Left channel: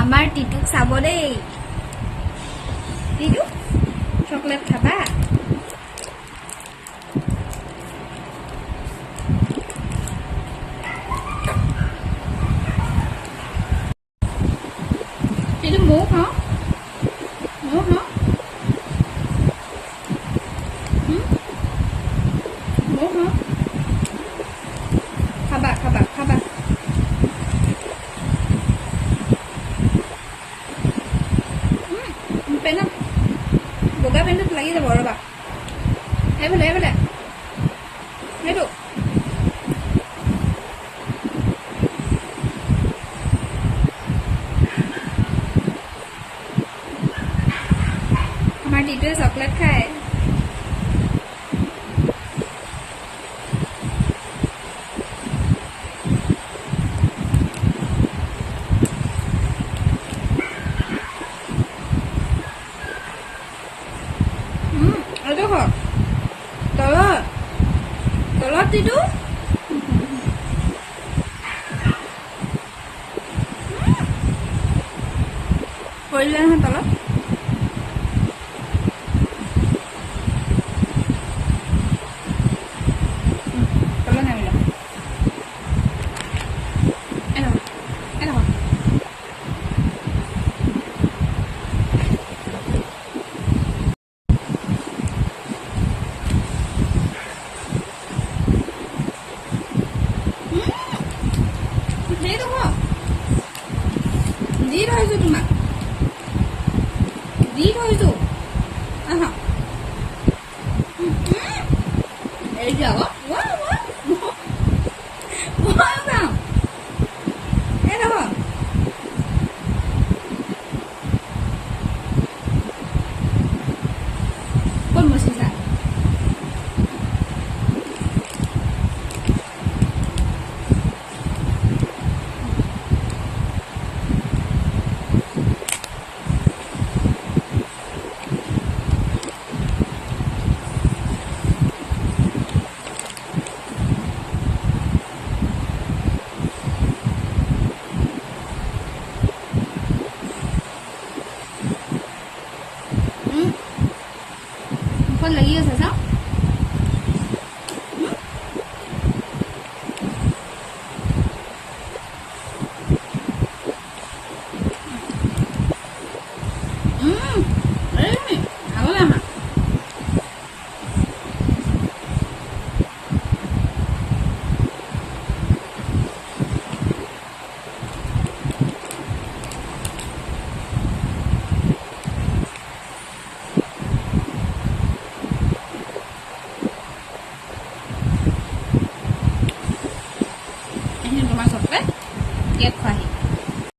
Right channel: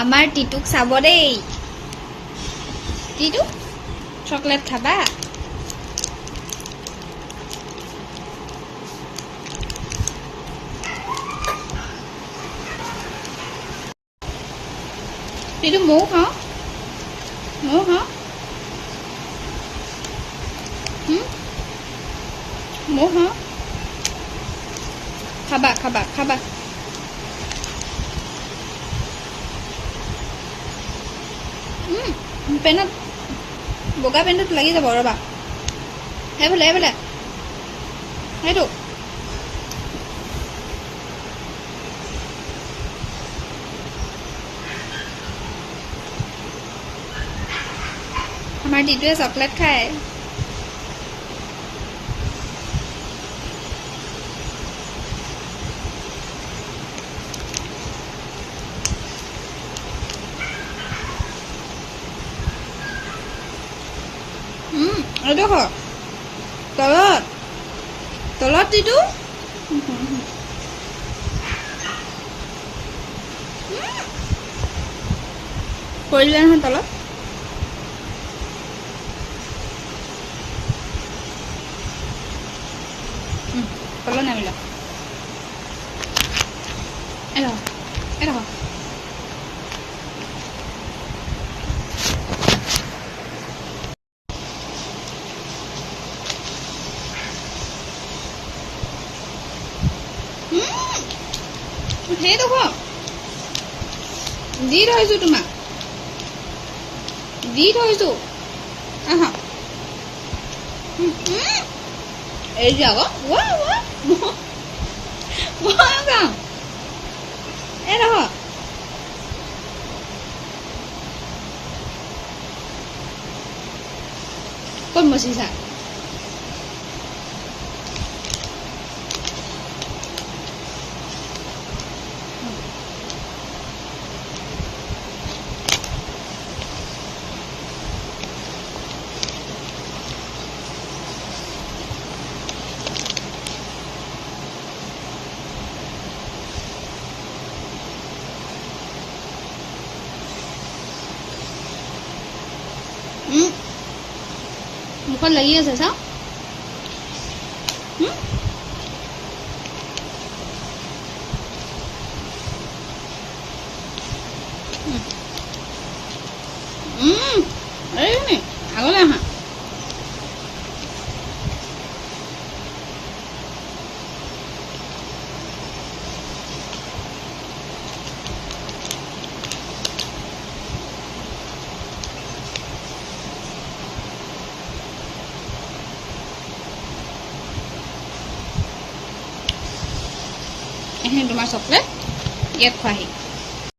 আমাৰ টিটুক চাব দেই টিটু চকলেট খাবা টিটু ময়ো খাওঁ ময়ো খাওঁ খাবা খাবা খাবা পেনত বগা পেণ্টত লাগি যাব ৰ'বা সেইফালে সেইটো আমাৰ টিটুৱে চকলেট খায় এইটো খ তলত টিটু পৰিলে নহয় তলত তলত নামিল এটা সেইটো ক দি থৈছোঁ তোমাক আহা এই যে আকৌ মই খাওঁ এই দেখ ক'ত মচিছা মুখত লাগি আছে চাওঁ আগলৈ আহা এইখিনি তোমাৰ চকলেট ইয়াত খোৱাহি